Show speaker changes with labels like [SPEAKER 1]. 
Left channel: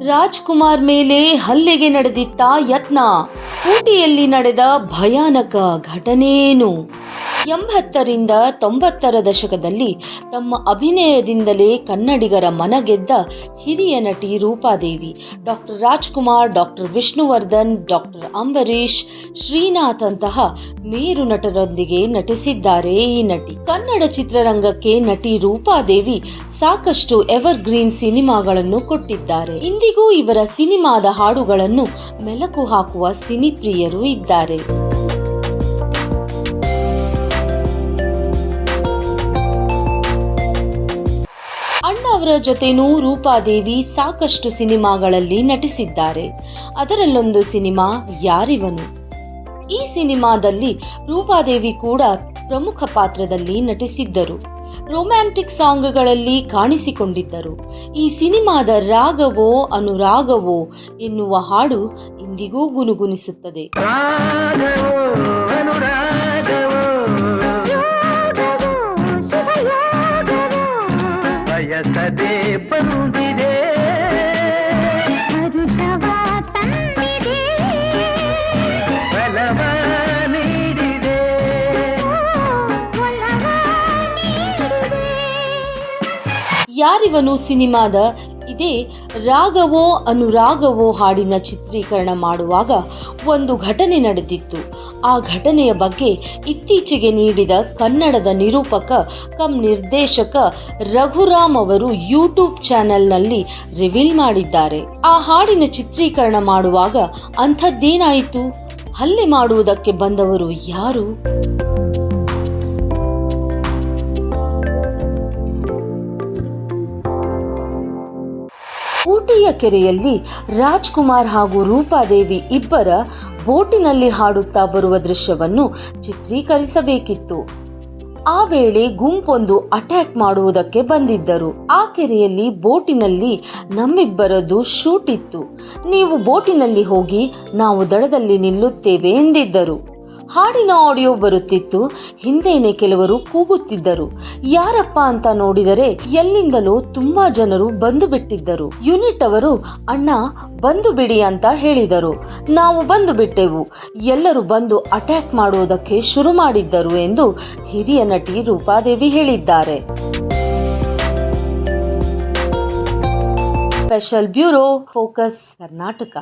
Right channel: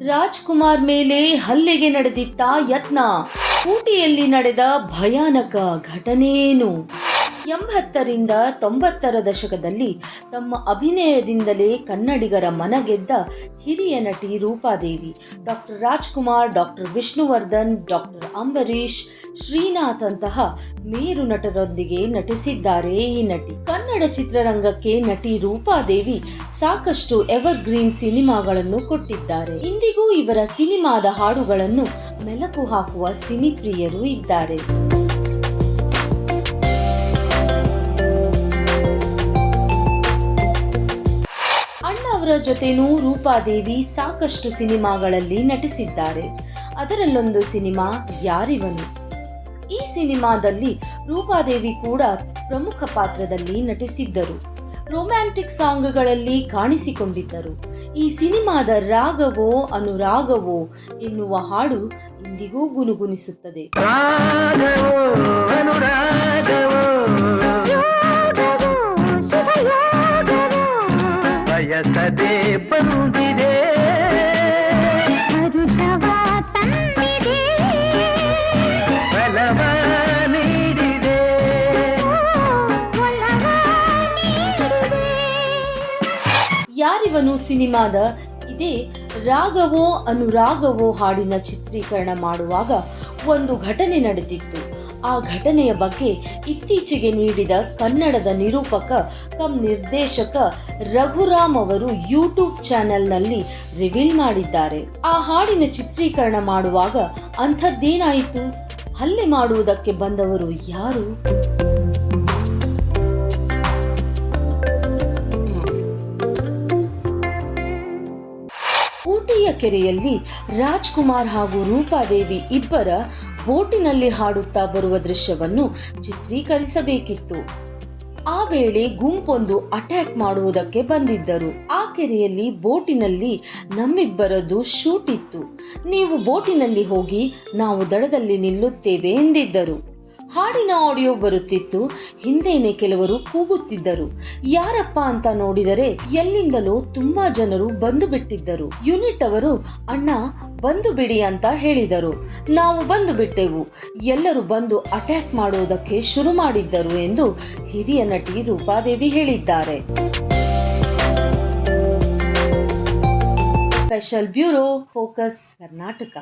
[SPEAKER 1] ರಾಜ್ಕುಮಾರ್ ಮೇಲೆ ಹಲ್ಲೆಗೆ ನಡೆದಿತ್ತ ಯತ್ನ ಊಟಿಯಲ್ಲಿ ನಡೆದ ಭಯಾನಕ ಘಟನೆಯೇನು? ಎಂಬತ್ತರಿಂದ ತೊಂಬತ್ತರ ದಶಕದಲ್ಲಿ ತಮ್ಮ ಅಭಿನಯದಿಂದಲೇ ಕನ್ನಡಿಗರ ಮನಗೆದ್ದ ಹಿರಿಯ ನಟಿ Rupadevi, doctor Rajkumar, doctor Vishnuvardhan, doctor Ambareesh Srinath ಅಂತಹ ಮೇರು ನಟರೊಂದಿಗೆ ನಟಿಸಿದ್ದಾರೆ ಈ ನಟಿ. ಕನ್ನಡ ಚಿತ್ರರಂಗಕ್ಕೆ ನಟಿ ರೂಪಾದೇವಿ ಸಾಕಷ್ಟು ಎವರ್ ಗ್ರೀನ್ ಸಿನಿಮಾಗಳನ್ನು ಕೊಟ್ಟಿದ್ದಾರೆ. ಇಂದಿಗೂ ಇವರ ಸಿನಿಮಾದ ಹಾಡುಗಳನ್ನು ಮೆಲುಕು ಹಾಕುವ ಸಿನಿಪ್ರಿಯರು ಇದ್ದಾರೆ. ಜೊತೆನೂ ರೂಪಾದೇವಿ ಸಾಕಷ್ಟು ಸಿನಿಮಾಗಳಲ್ಲಿ ನಟಿಸಿದ್ದಾರೆ. ಅದರಲ್ಲೊಂದು ಸಿನಿಮಾ ಯಾರಿವನು? ಈ ಸಿನಿಮಾದಲ್ಲಿ ರೂಪಾದೇವಿ ಕೂಡ ಪ್ರಮುಖ ಪಾತ್ರದಲ್ಲಿ ನಟಿಸಿದ್ದರು. ರೊಮ್ಯಾಂಟಿಕ್ ಸಾಂಗ್ಗಳಲ್ಲಿ ಕಾಣಿಸಿಕೊಂಡಿದ್ದರು. ಈ ಸಿನಿಮಾದ ರಾಗವೋ ಅನುರಾಗವೋ ಎನ್ನುವ ಹಾಡು ಇಂದಿಗೂ ಗುನುಗುಣಿಸುತ್ತದೆ ಯಾರಿವನು ಸಿನಿಮಾದ ಇದೇ ರಾಗವೋ ಅನುರಾಗವೋ ಹಾಡಿನ ಚಿತ್ರೀಕರಣ ಮಾಡುವಾಗ ಒಂದು ಘಟನೆ ನಡೆದಿತ್ತು. ಆ ಘಟನೆಯ ಬಗ್ಗೆ ಇತ್ತೀಚೆಗೆ ನೀಡಿದ ಕನ್ನಡದ ನಿರೂಪಕ ಕಮ್ ನಿರ್ದೇಶಕ ರಘುರಾಮ್ ಅವರು ಯೂಟ್ಯೂಬ್ ಚಾನೆಲ್ನಲ್ಲಿ ರಿವೀಲ್ ಮಾಡಿದ್ದಾರೆ. ಆ ಹಾಡಿನ ಚಿತ್ರೀಕರಣ ಮಾಡುವಾಗ ಅಂಥದ್ದೇನಾಯಿತು? ಹಲ್ಲೆ ಮಾಡುವುದಕ್ಕೆ ಬಂದವರು ಯಾರು? ಊಟಿಯ ಕೆರೆಯಲ್ಲಿ ರಾಜ್ಕುಮಾರ್ ಹಾಗೂ ರೂಪಾದೇವಿ ಇಬ್ಬರ ಬೋಟಿನಲ್ಲಿ ಹಾಡುತ್ತಾ ಬರುವ ದೃಶ್ಯವನ್ನು ಚಿತ್ರೀಕರಿಸಬೇಕಿತ್ತು. ಆ ವೇಳೆ ಗುಂಪೊಂದು ಅಟ್ಯಾಕ್ ಮಾಡುವುದಕ್ಕೆ ಬಂದಿದ್ದರು. ಆ ಕೆರೆಯಲ್ಲಿ ಬೋಟಿನಲ್ಲಿ ನಮ್ಮಿಬ್ಬರದು ಶೂಟ್ ಇತ್ತು. ನೀವು ಬೋಟಿನಲ್ಲಿ ಹೋಗಿ ನಾವು ದಡದಲ್ಲಿ ನಿಲ್ಲುತ್ತೇವೆ ಎಂದಿದ್ದರು. ಹಾಡಿನ ಆಡಿಯೋ ಬರುತ್ತಿತ್ತು. ಹಿಂದೇನೆ ಕೆಲವರು ಕೂಗುತ್ತಿದ್ದರು. ಯಾರಪ್ಪ ಅಂತ ನೋಡಿದರೆ ಎಲ್ಲಿಂದಲೋ ತುಂಬಾ ಜನರು ಬಂದು ಬಿಟ್ಟಿದ್ದರು. ಯೂನಿಟ್ ಅವರು, ಅಣ್ಣ, ಬಂದು ಬಿಡಿ ಅಂತ ಹೇಳಿದರು. ನಾವು ಬಂದು ಬಿಟ್ಟೆವು. ಎಲ್ಲರೂ ಬಂದು ಅಟ್ಯಾಕ್ ಮಾಡುವುದಕ್ಕೆ ಶುರು ಮಾಡಿದ್ದರು ಎಂದು ಹಿರಿಯ ನಟಿ ರೂಪಾದೇವಿ ಹೇಳಿದ್ದಾರೆ. Special bureau, focus Karnataka.